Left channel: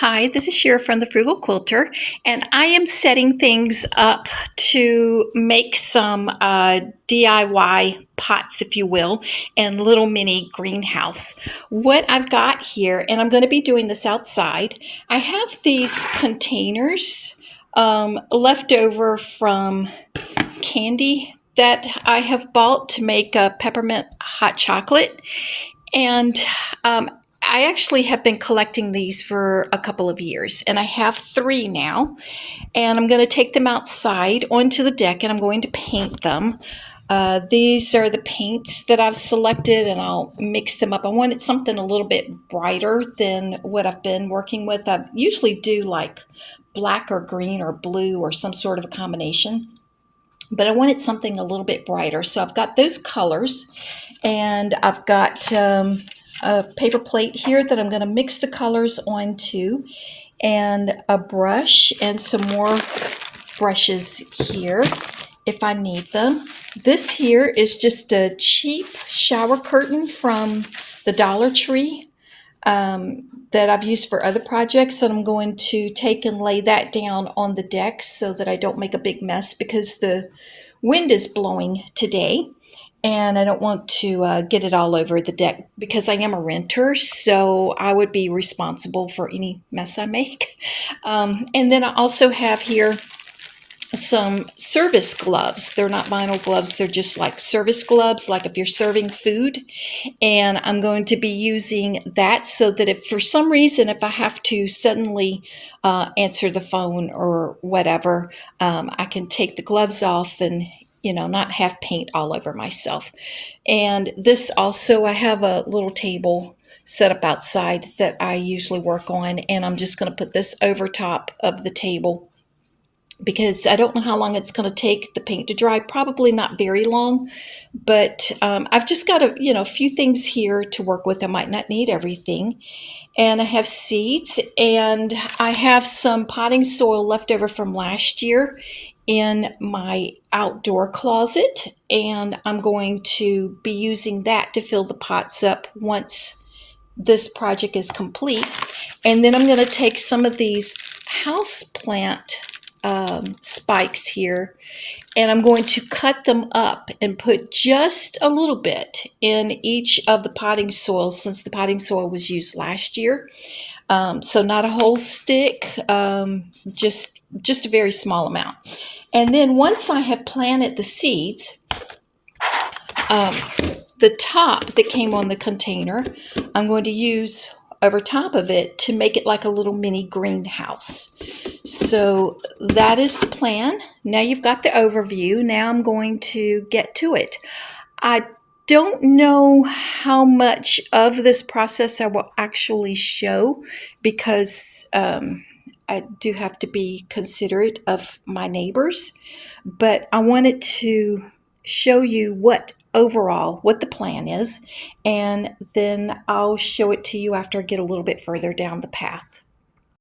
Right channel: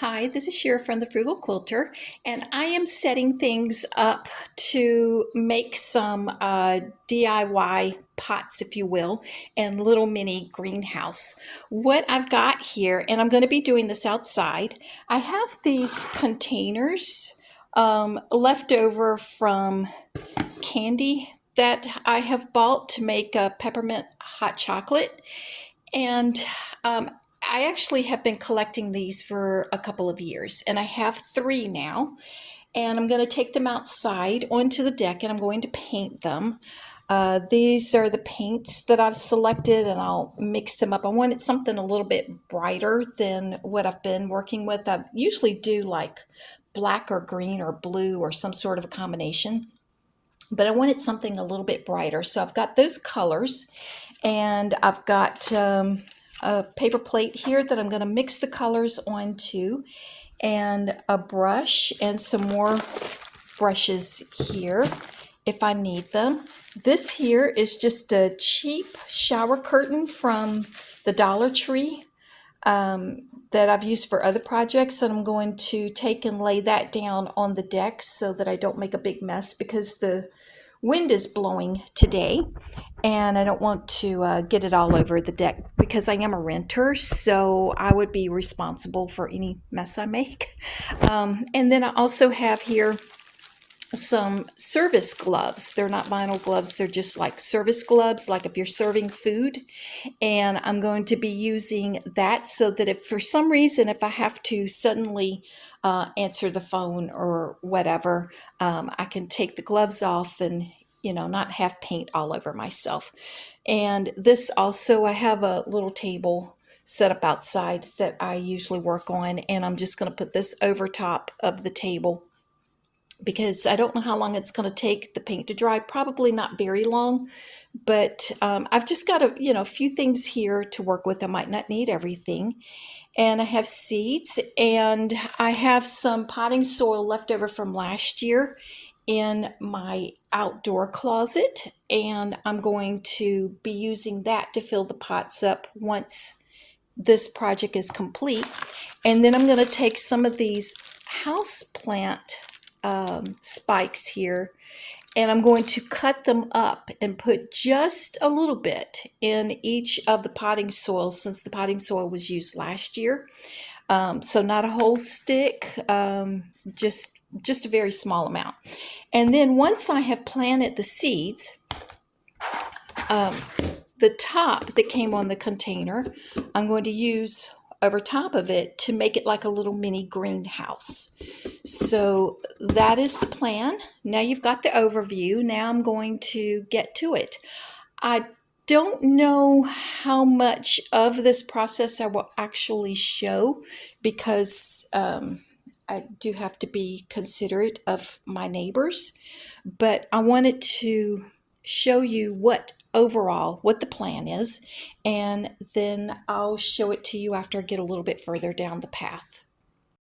Hi, this is Shira from the Frugal Quilter, and I am setting things up to make some DIY pots, if you will, and little mini greenhouse. What I've got here, and I'm going to be doing this outside, I have these containers left over from candy that I have bought to make a peppermint hot chocolate. And I actually have been collecting these for a couple of years, and I have three now. And I'm going to take them outside onto the deck, and I'm going to paint them. These are the paints that I've selected, and I'll mix them up. I wanted something a little bit brighter than what I've been working with. I usually do like black or green or blue or some sort of a combination, but I wanted something a little bit brighter. So I've got those colors, and I've got a paper plate here that I'm going to mix the colors onto, and a brush and some more brushes here if I need them. This here is just a cheap shower curtain from the Dollar Tree that I've used for other projects, and I'm going to take and lay that down on the deck so that I don't make a big mess because the wind is blowing today, and I don't want to get it all over the deck because I am a renter, so I would be responsible for any mess I make. And then I also have here some service gloves. They're not vinyl gloves, they're just like service gloves, like if you're serving food. And I'm going to be using that so that if for some reason, if I have to suddenly answer the phone or whatever, I can take the gloves off and not have paint all over myself. And this also, I have a little table set up outside that I usually work on, and I'm just going to put this over top of the table because I don't know how long it's going to take the paint to dry. Probably not very long, but I've just got a few things here to work with. I might not need everything. And I have seeds, and I have some potting soil left over from last year in my outdoor closet, and I'm going to be using that to fill the pots up once this project is complete. And then I'm going to take some of these house plant spikes here, and I'm going to cut them up and put just a little bit in each of the potting soil since the potting soil was used last year. So not a whole stick, just a very small amount. And then once I have planted the seeds, the top that came on the container, I'm going to use over top of it to make it like a little mini greenhouse. So that is the plan. Now you've got the overview. Now I'm going to get to it. I don't know how much of this process I will actually show because I do have to be considerate of my neighbors, but I wanted to show you what the plan is, and then I'll show it to you after I get a little bit further down the path.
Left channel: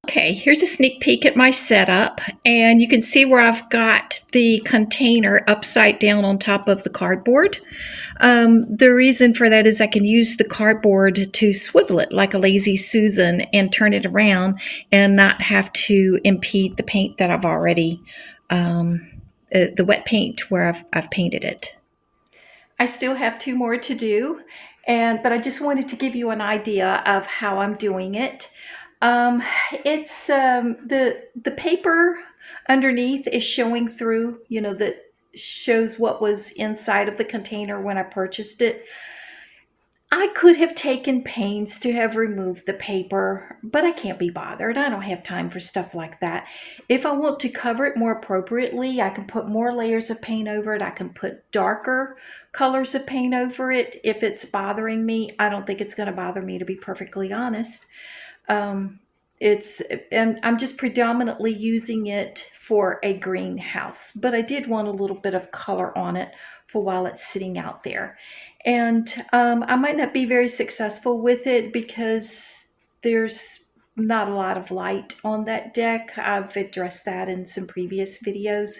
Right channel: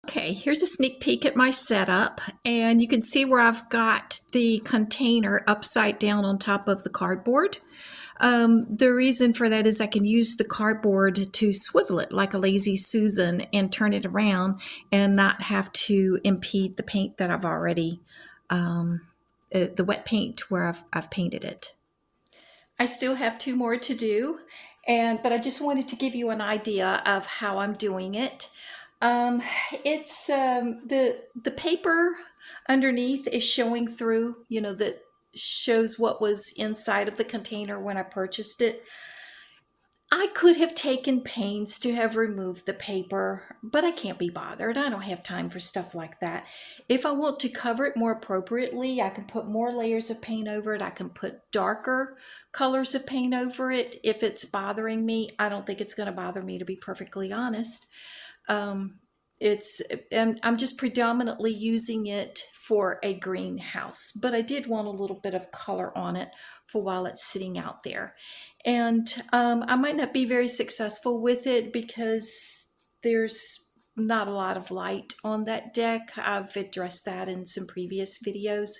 Okay, here's a sneak peek at my setup, and you can see where I've got the container upside down on top of the cardboard. The reason for that is I can use the cardboard to swivel it like a lazy Susan and turn it around and not have to impede the paint that I've already, the wet paint where I've painted it. I still have two more to do, but I just wanted to give you an idea of how I'm doing it. It's the paper underneath is showing through, that shows what was inside of the container when I purchased it. I could have taken pains to have removed the paper, but I can't be bothered. I don't have time for stuff like that. If I want to cover it more appropriately, I can put more layers of paint over it. I can put darker colors of paint over it if it's bothering me. I don't think it's going to bother me, to be perfectly honest. And I'm just predominantly using it for a greenhouse, but I did want a little bit of color on it for while it's sitting out there. And I might not be very successful with it because there's not a lot of light on that deck. I've addressed that in some previous videos,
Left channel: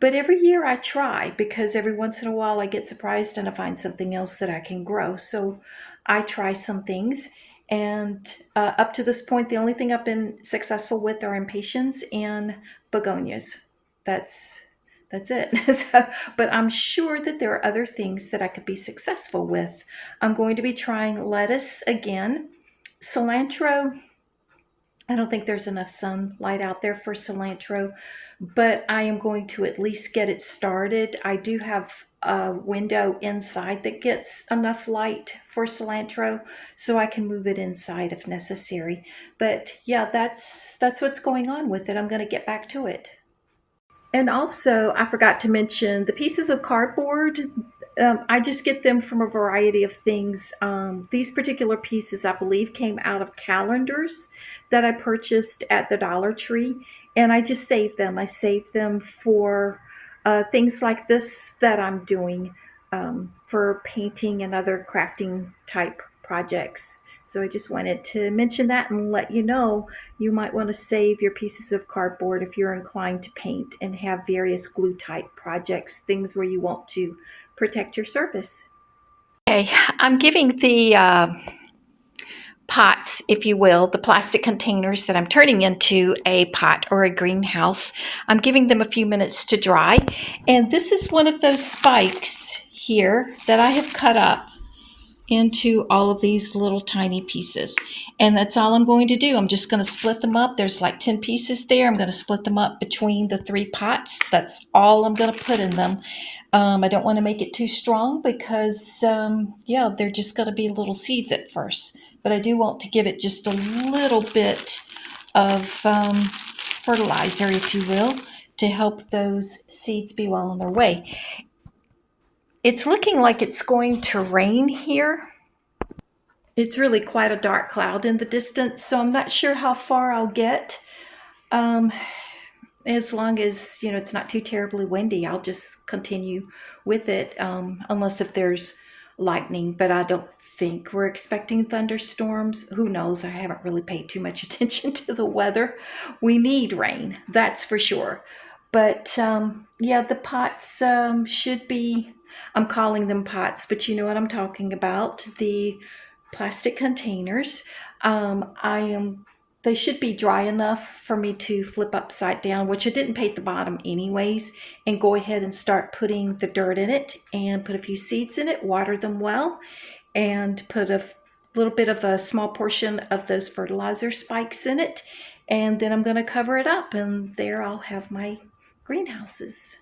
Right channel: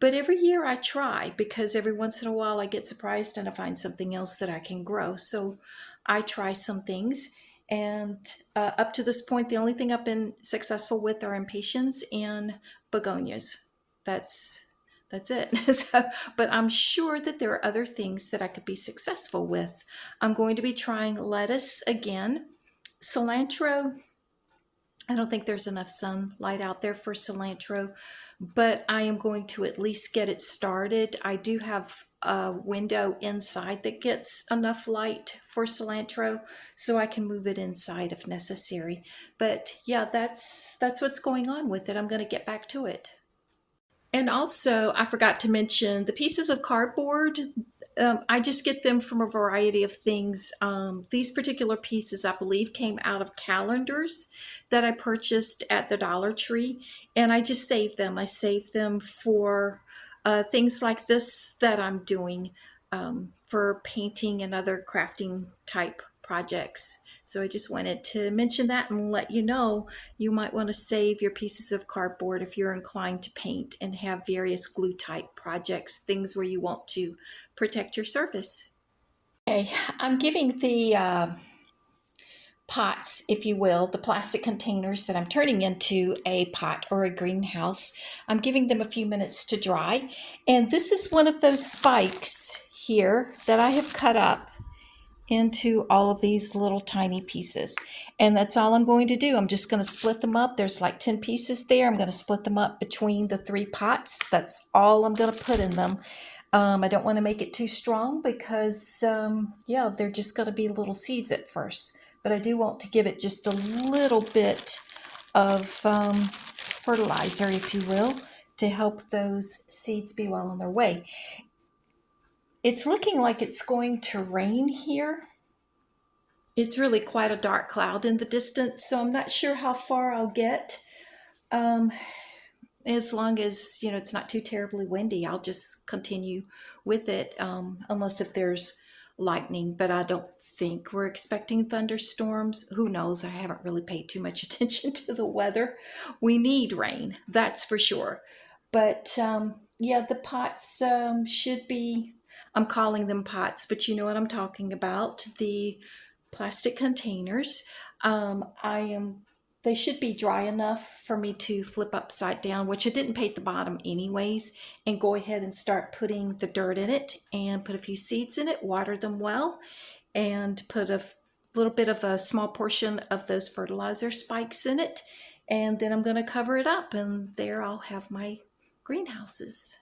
but every year I try because every once in a while I get surprised and I find something else that I can grow. So I try some things, And up to this point, the only thing I've been successful with are impatiens and begonias. That's that's it. So, but I'm sure that there are other things that I could be successful with. I'm going to be trying lettuce again. Cilantro, I don't think there's enough sunlight out there for cilantro, but I am going to at least get it started. I do have a window inside that gets enough light for cilantro, so I can move it inside if necessary. But yeah, that's what's going on with it. I'm going to get back to it. And also, I forgot to mention the pieces of cardboard. I just get them from a variety of things. These particular pieces, I believe, came out of calendars that I purchased at the Dollar Tree, and I just saved them. I saved them for things like this that I'm doing for painting and other crafting type projects. So I just wanted to mention that and let you know you might want to save your pieces of cardboard if you're inclined to paint and have various glue type projects, things where you want to protect your surface. Okay, I'm giving the pots, if you will, the plastic containers that I'm turning into a pot or a greenhouse. I'm giving them a few minutes to dry. And this is one of those spikes here that I have cut up into all of these little tiny pieces. And that's all I'm going to do. I'm just going to split them up. There's like 10 pieces there. I'm going to split them up between the 3 pots. That's all I'm going to put in them. I don't want to make it too strong because, yeah, they're just going to be little seeds at first. But I do want to give it just a little bit of fertilizer, if you will, to help those seeds be well on their way. It's looking like it's going to rain here. It's really quite a dark cloud in the distance, so I'm not sure how far I'll get. Um, as long as, you know, it's not too terribly windy, I'll just continue with it, unless if there's lightning, but I don't think we're expecting thunderstorms. Who knows? I haven't really paid too much attention to the weather. We need rain, that's for sure. But yeah, the pots should be, I'm calling them pots, but you know what I'm talking about. The plastic containers. I am They should be dry enough for me to flip upside down, which I didn't paint the bottom anyways, and go ahead and start putting the dirt in it and put a few seeds in it, water them well, and put a little bit of a small portion of those fertilizer spikes in it. And then I'm going to cover it up, and there I'll have my greenhouses.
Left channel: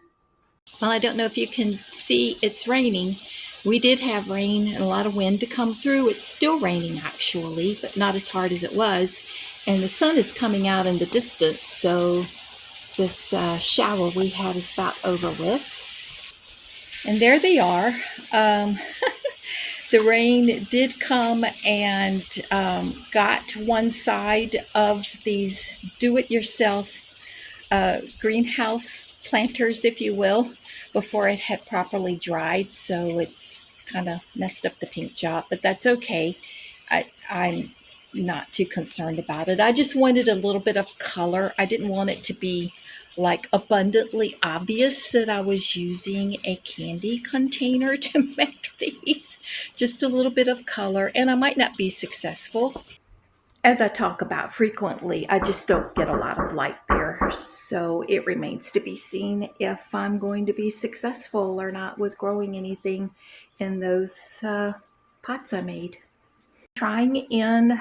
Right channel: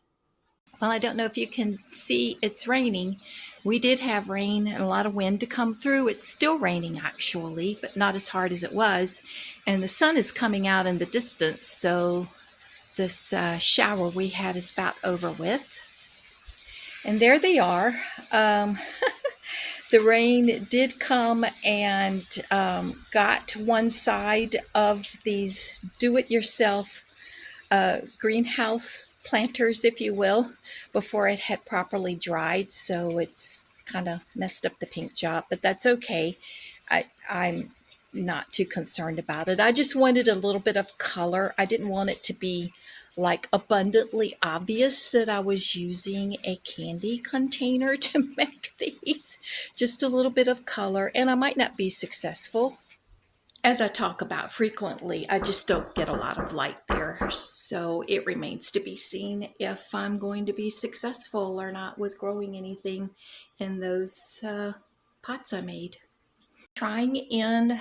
Well, I don't know if you can see, it's raining. We did have rain and a lot of wind to come through. It's still raining actually, but not as hard as it was. And the sun is coming out in the distance, so this shower we had is about over with. And there they are. The rain did come and got one side of these do-it-yourself greenhouse planters, if you will, before it had properly dried. So it's kind of messed up the paint job, but that's okay. I'm not too concerned about it. I just wanted a little bit of color. I didn't want it to be like abundantly obvious that I was using a candy container to make these. Just a little bit of color, and I might not be successful. As I talk about frequently, I just don't get a lot of light there. So it remains to be seen if I'm going to be successful or not with growing anything in those pots I made. Trying in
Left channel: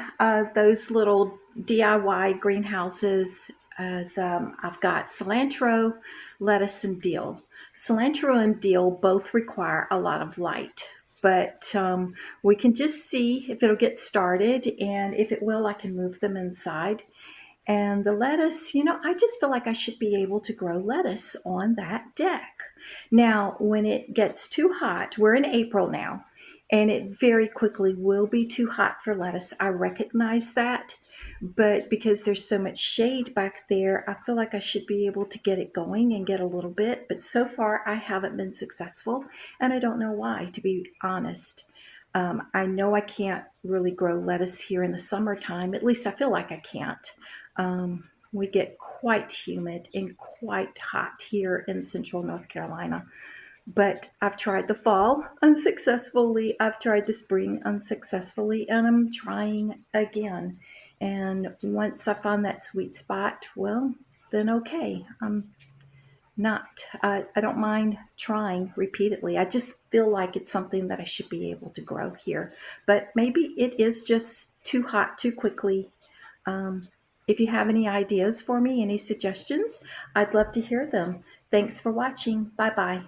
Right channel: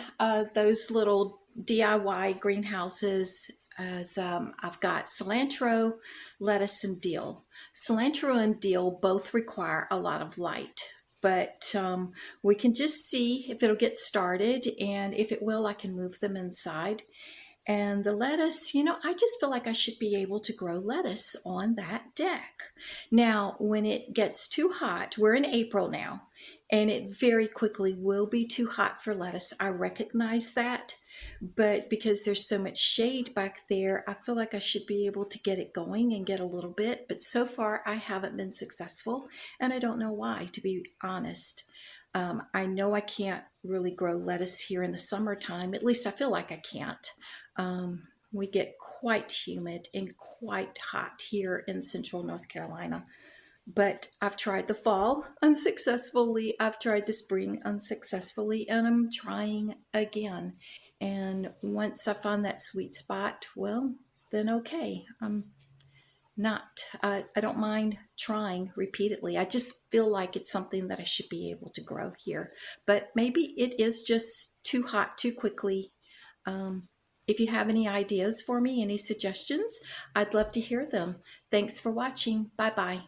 those little DIY greenhouses as I've got cilantro, lettuce, and dill. Cilantro and dill both require a lot of light, but we can just see if it'll get started, and if it will, I can move them inside. And the lettuce, you know, I just feel like I should be able to grow lettuce on that deck. Now, when it gets too hot, we're in April now, and it very quickly will be too hot for lettuce. I recognize that, but because there's so much shade back there, I feel like I should be able to get it going and get a little bit. But so far, I haven't been successful, and I don't know why, to be honest. I know I can't really grow lettuce here in the summertime. At least I feel like I can't. We get quite humid and quite hot here in central North Carolina. But I've tried the fall unsuccessfully. I've tried the spring unsuccessfully, and I'm trying again. And once I find that sweet spot, well, then okay. I don't mind trying repeatedly. I just feel like it's something that I should be able to grow here. But maybe it is just too hot too quickly. Um, if you have any ideas for me, any suggestions, I'd love to hear them. Thanks for watching. Bye bye.